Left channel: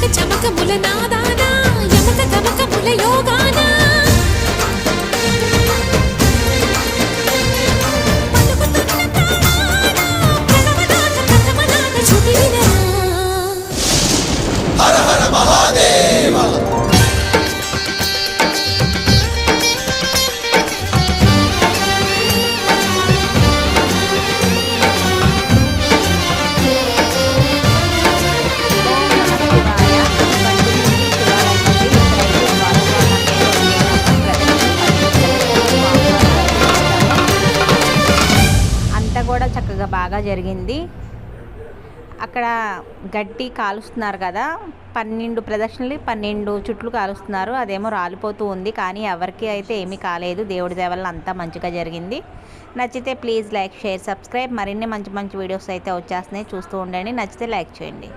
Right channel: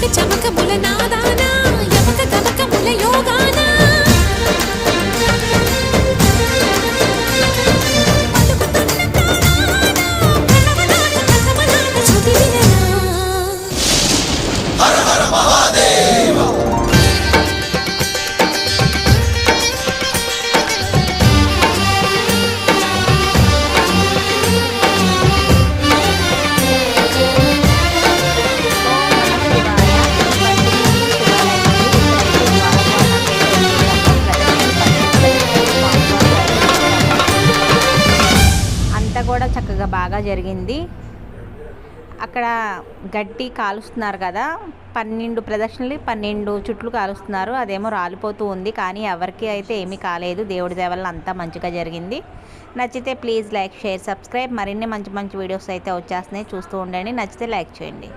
చమక చమకముల నాదాన యమక గమకముల యోగాన పలుకుతున్న ప్రాణాన ప్రణవనాథ ప్రథమనాథ శృతి వినరా. హర హర మహాదేవ. అంతా కూడా చక్కగా బాగా జరిగింది. అక్కడ గట్టి కాలుస్తున్నారు కదా, 12 ప్రదక్షిణలు 12 చుట్లు కాలుస్తున్నారు. అదేమో రాలిపోతూ ఉంది, కానీ ఎవరికి అయితే ఏమీ కాలేదు. దేవుడి దయ వల్ల అంతా మంచిగా జరిగింది. నచ్చితే ప్లీజ్ లైక్, షేర్, సబ్స్క్రైబ్. మరిన్ని మంచి మంచి వీడియోస్ అయితే వచ్చేస్తున్నాయి, చూస్తూ ఉండండి. నచ్చితే లైక్ చేయండి.